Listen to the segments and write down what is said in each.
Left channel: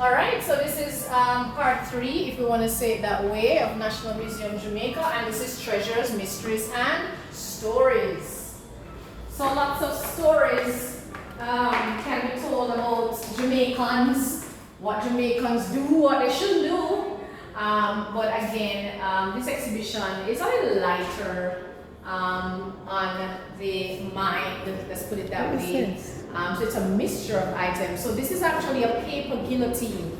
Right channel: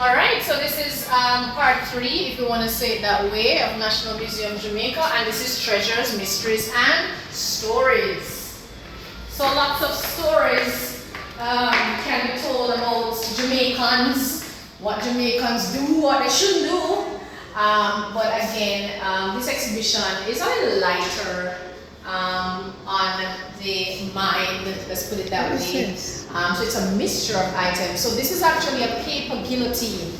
All right, so this is part 3, if you want to say it that way, of National Museum Jamaica, and this is treasures, mysteries, and stories. So lots of stories can be told about Jamaicans, what Jamaicans do, what they should do. But again, this exhibition is a little lighter on the mind, let's put it that way. So it's a mixture of items. So this is actually a paper guillotine,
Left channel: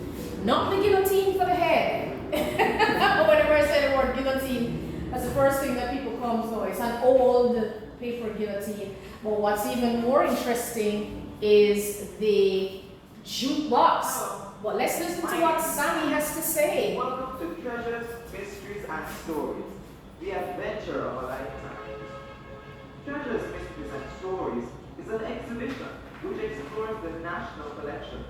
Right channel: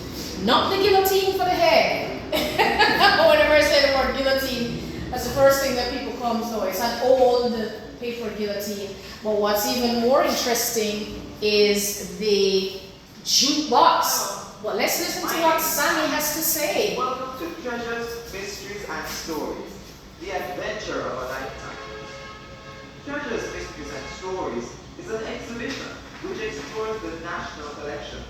not the guillotine for the head. Whenever I say the word guillotine, that's the first thing that people come to. It's an old paper guillotine. But what's even more interesting is the jukebox. Well, let's listen to what Sammy has to say. Welcome to Treasures, Mysteries, and Stories, the adventure of a lifetime. Treasures, Mysteries, and Stories is an exhibition which explores the national collection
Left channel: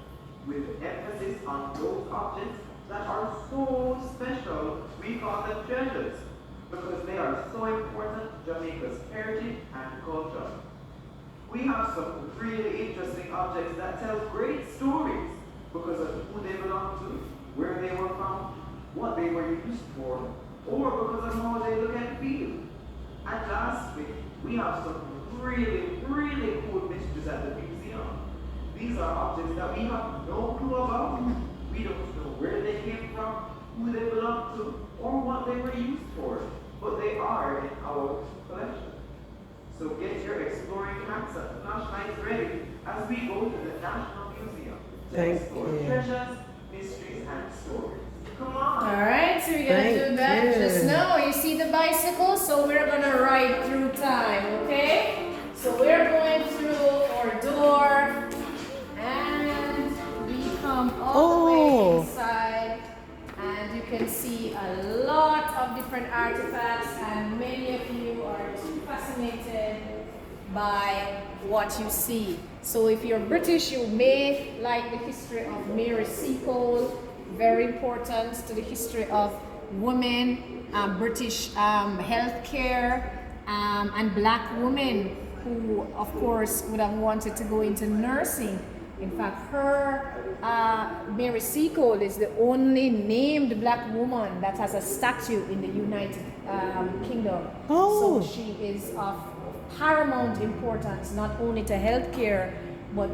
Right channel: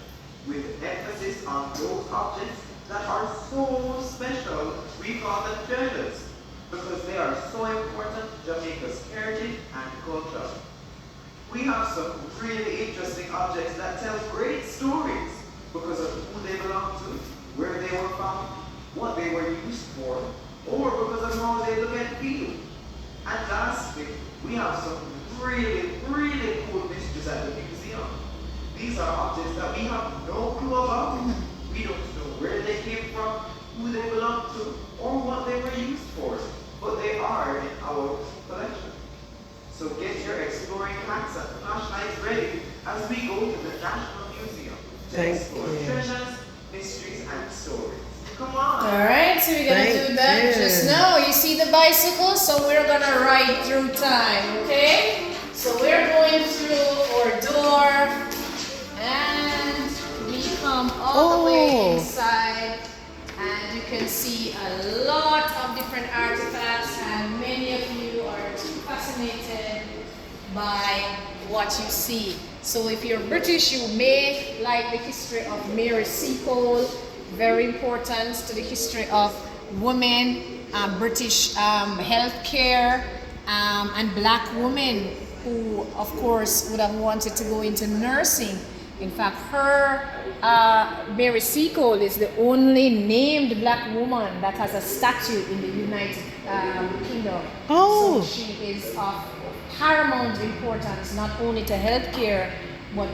with emphasis on those objects that are so special we call them treasures because they are so important to Jamaica's heritage and culture. We have some really interesting objects that tell great stories because of who they belong to, where they were found, what they were used for, or because of how they look and feel. And lastly, we have some really cool mysteries at the museum. These are objects that we have no clue about. We don't know where they came from, who they belong to, or what they were used for, but they are in our collection. So get your exploring hats and flashlights ready as we go to the National Museum to explore treasures, mysteries, and stories. Come on! Alright, so we're gonna do that just now. You see the bicycle? So we're gonna ride through time, okay? So we're going through our door and we come all the way inside, and you can see a lot of different artifacts, and many of you are too fascinated by what you see. So if you're British, you may like the history of Mary Seacole, very important to the history of women, British healthcare, and black women who, of course, would have wanted to go into nursing. In fact, Mary Seacole is the only named black woman that has a statue in the United Kingdom. So she is of paramount importance, not only to healthcare, but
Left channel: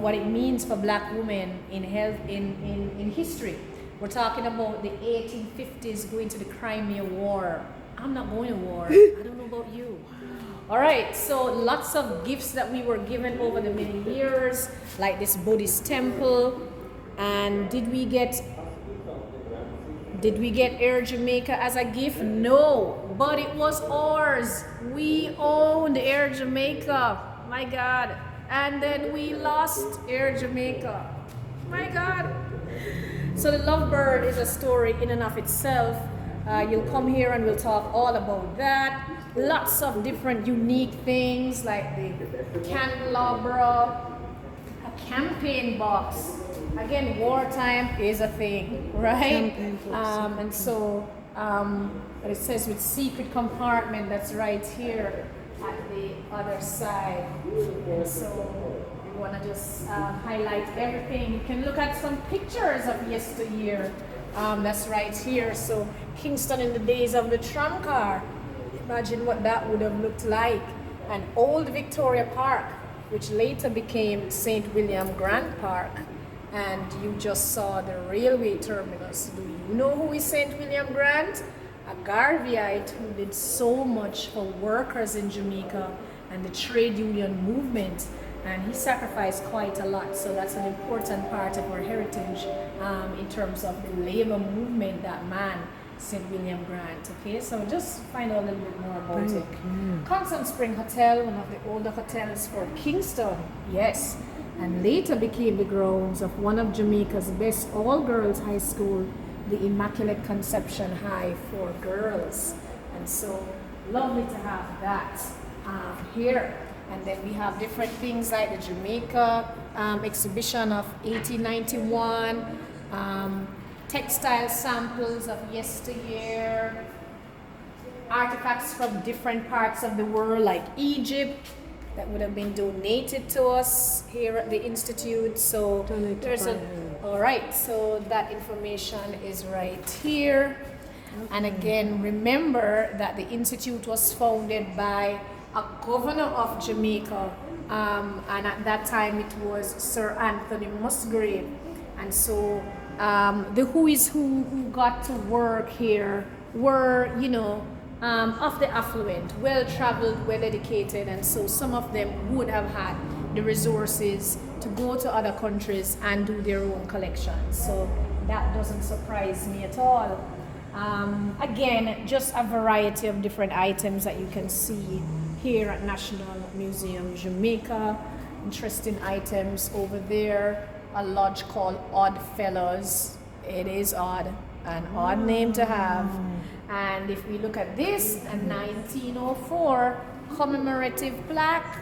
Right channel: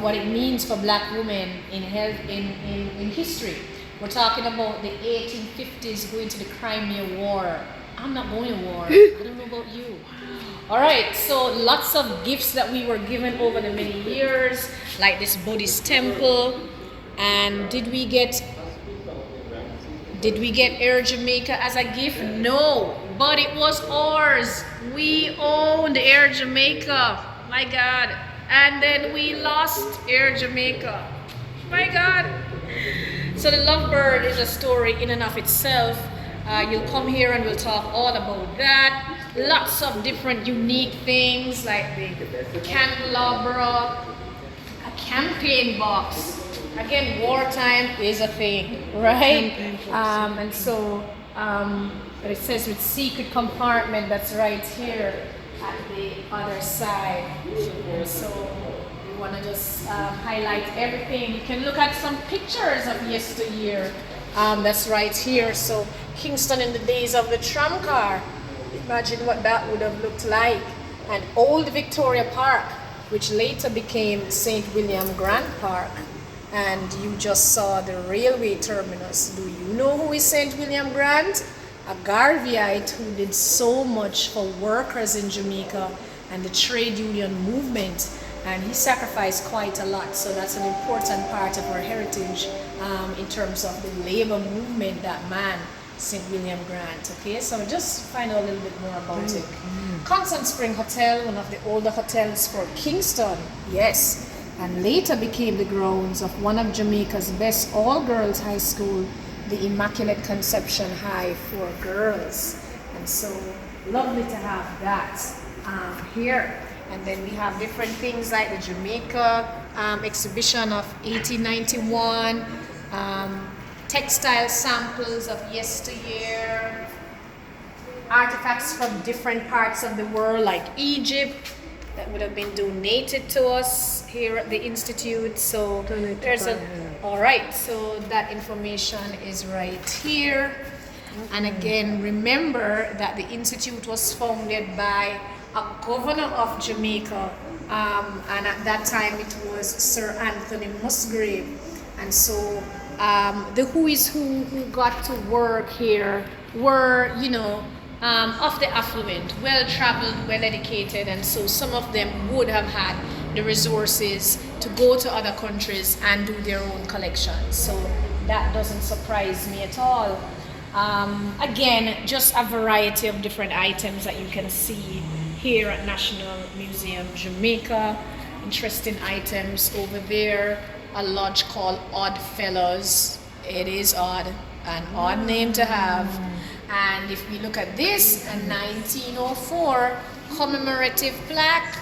what it means for black women in health in history. We're talking about the 1850s going to the Crimea War. I'm not going to war. I don't know about you. All right, so lots of gifts that we were given over the many years, like this Buddhist temple. And did we get Air Jamaica as a gift? No, but it was ours. We owned Air Jamaica. My God. And then we lost Air Jamaica. My God. So the Lovebird is a story in and of itself. You'll come here and we'll talk all about that. Lots of different unique things like the candelabra, a campaign box. Again, wartime is a thing, right? And so it says with secret compartment, that's right here at the other side. So we want to just highlight everything. You can look at some pictures of yesteryear. That's right here. So Kingston in the days of the tram car. Imagine what that would have looked like. And Old Victoria Park, which later became St. William Grant Park. And you just saw the railway terminus. Do you know who is St. William Grant? A Garveyite who did so much for workers in Jamaica and the trade union movement. And he sacrificed quite a lot. So that's an important part of our heritage in terms of the labor movement, that man, St. William Grant. Okay, so just find out a little bit more about it. Constant Spring Hotel, one of the older hotels for Kingston, yes, and later became the grounds of one of Jamaica's best all-girls high school, the Immaculate Conception High for girls. And so lovely to have that here. And then we have different things like the Jamaica exhibition of 1891, textile samples of yesteryear, artifacts from different parts of the world like Egypt that would have been donated to us here at the Institute. So Donate to there's a, fire. all right, so that information is right here. And again, remember that the Institute was founded by a governor of Jamaica, and at that time it was Sir Anthony Musgrave. And so the who is who got to work here were, you know, of the affluent, well-traveled, well-educated, and so some of them would have had the resources to go to other countries and do their own collections. So that doesn't surprise me at all. Again, just a variety of different items that you can see here at National Museum Jamaica. Interesting items over there. A lodge called Odd Fellows. It is odd, an odd name to have. And if we look at this, a 1904 commemorative plaque.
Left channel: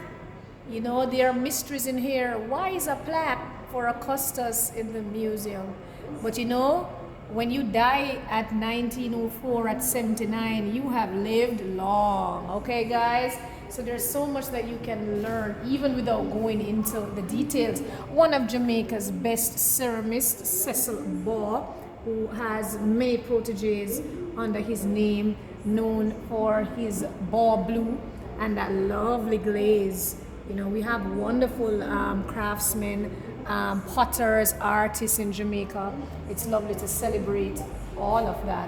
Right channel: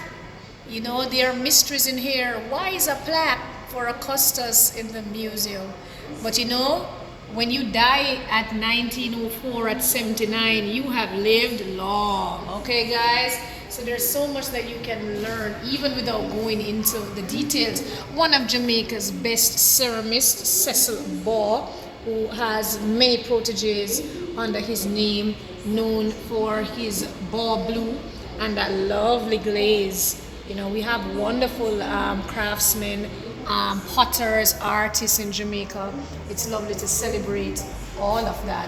You know, there are mysteries in here. Why is a plaque for Augustus in the museum? But you know, when you die at 1904 at 79, you have lived long, okay guys? So there's so much that you can learn even without going into the details. One of Jamaica's best ceramists, Cecil Baugh, who has many proteges under his name, known for his Baugh blue and that lovely glaze. You know, we have wonderful craftsmen, potters, artists in Jamaica. It's lovely to celebrate all of that.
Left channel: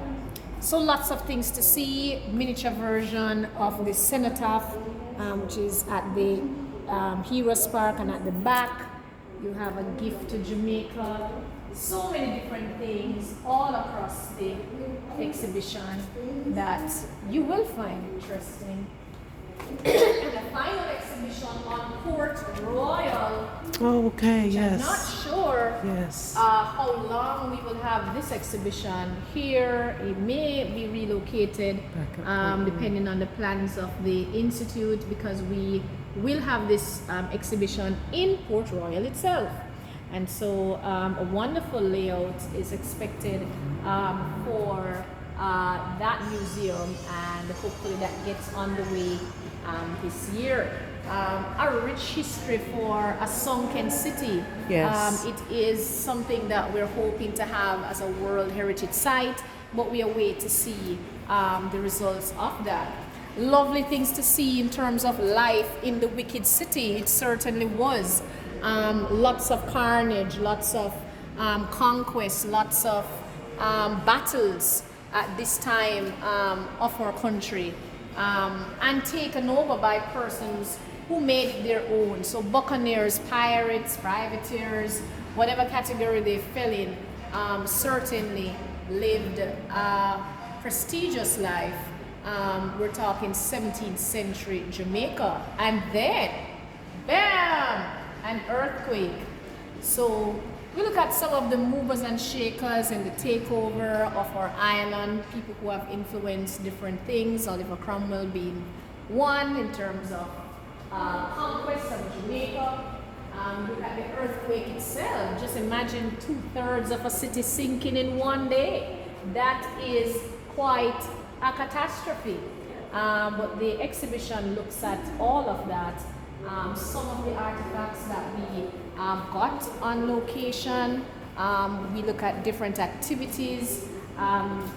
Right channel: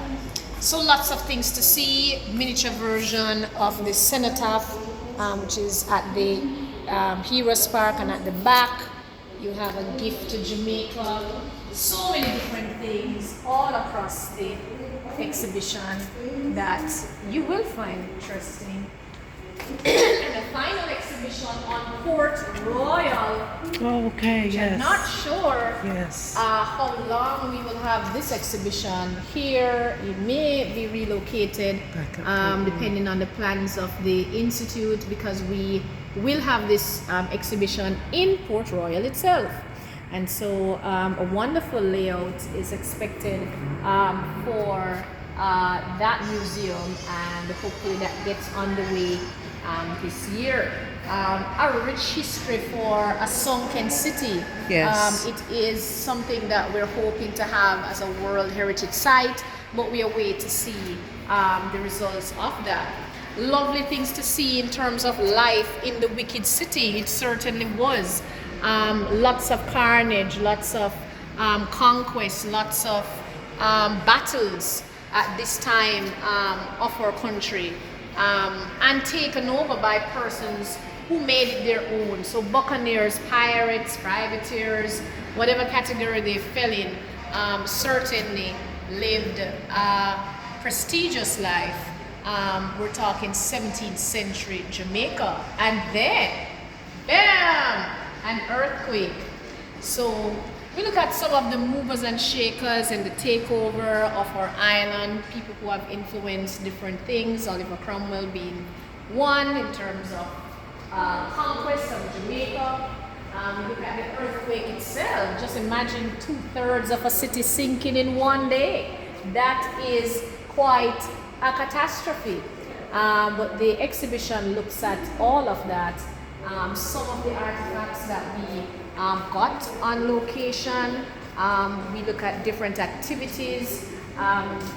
So lots of things to see. Miniature version of the cenotaph, which is at the Heroes Park, and at the back you have a gift to Jamaica. So many different things all across the exhibition that you will find interesting. And the final exhibition on Port Royal. Oh, okay, which yes. I'm not sure Yes. how long we will have this exhibition here. It may be relocated Back up, Port depending on the plans of the Institute, because we will have this exhibition in Port Royal itself. And so a wonderful layout is expected for that museum, and hopefully that gets underway this year. A rich history for a sunken city. Yes. It is something that we're hoping to have as a World Heritage Site, but we await to see the results of that. Lovely things to see in terms of life in the wicked city. It certainly was. Lots of carnage, lots of conquest, lots of battles at this time of our country, and taken over by persons who made it their own. So buccaneers, pirates, privateers, whatever category they fell in, certainly lived a prestigious life. We're talking 17th century Jamaica, and then, bam, an earthquake. So we look at some of the movers and shakers and the takeover of our island, people who have influenced different things, Oliver Cromwell being one in terms of conquest of Jamaica. Look at the earthquake itself. Just imagine 2/3 of a city sinking in one day. That is quite a catastrophe. But the exhibition looks at all of that. Some of the artifacts that we got on location. We look at different activities.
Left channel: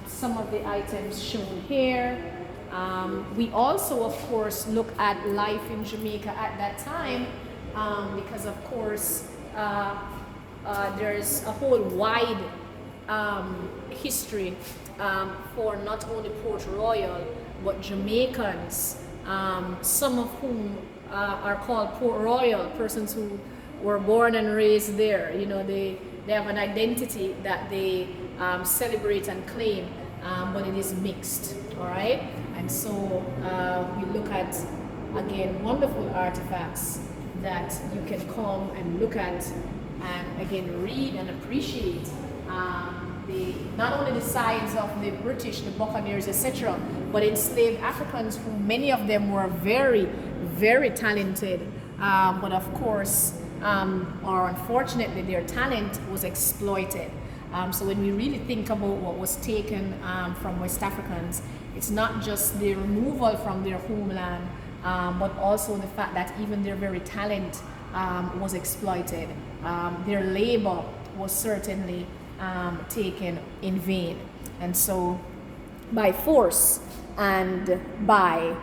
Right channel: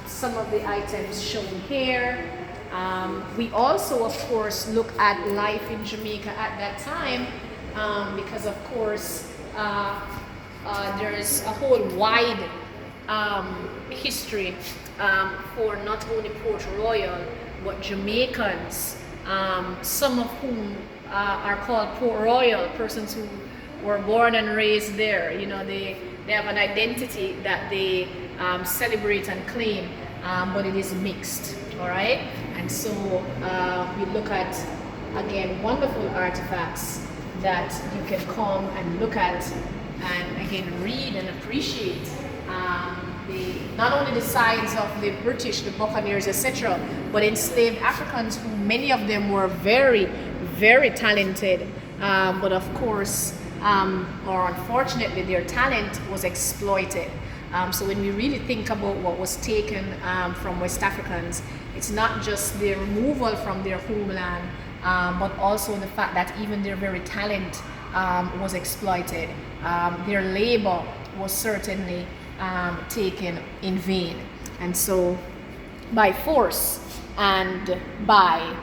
Some of the items shown here. We also, of course, look at life in Jamaica at that time, because, of course, there's a whole wide history for not only Port Royal, but Jamaicans, some of whom are called Port Royal, persons who were born and raised there. You know, they have an identity that they celebrate and claim, but it is mixed, all right? And so we look at, again, wonderful artifacts that you can come and look at and, again, read and appreciate. Not only the sides of the British, the buccaneers, etc., but enslaved Africans, who many of them were very, very talented, but of course, or unfortunately, their talent was exploited. So when we really think about what was taken from West Africans, it's not just their removal from their homeland, but also the fact that even their very talent was exploited. Their labor was certainly taken in vain. And so by force and by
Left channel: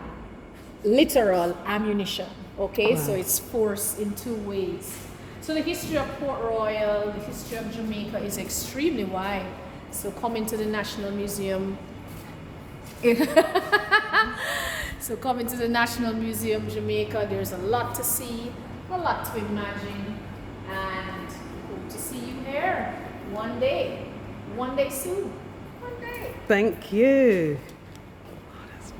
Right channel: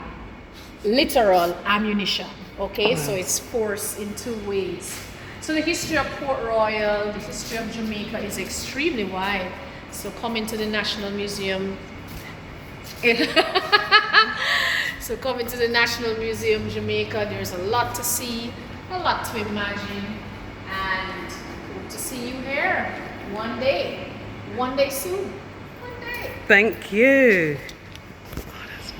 literal ammunition. Okay, so it's force in two ways. So the history of Port Royal, the history of Jamaica is extremely wide. So coming to the National Museum, so coming to the National Museum Jamaica, there's a lot to see, a lot to imagine, and hope to see you here one day soon, one day. Thank you.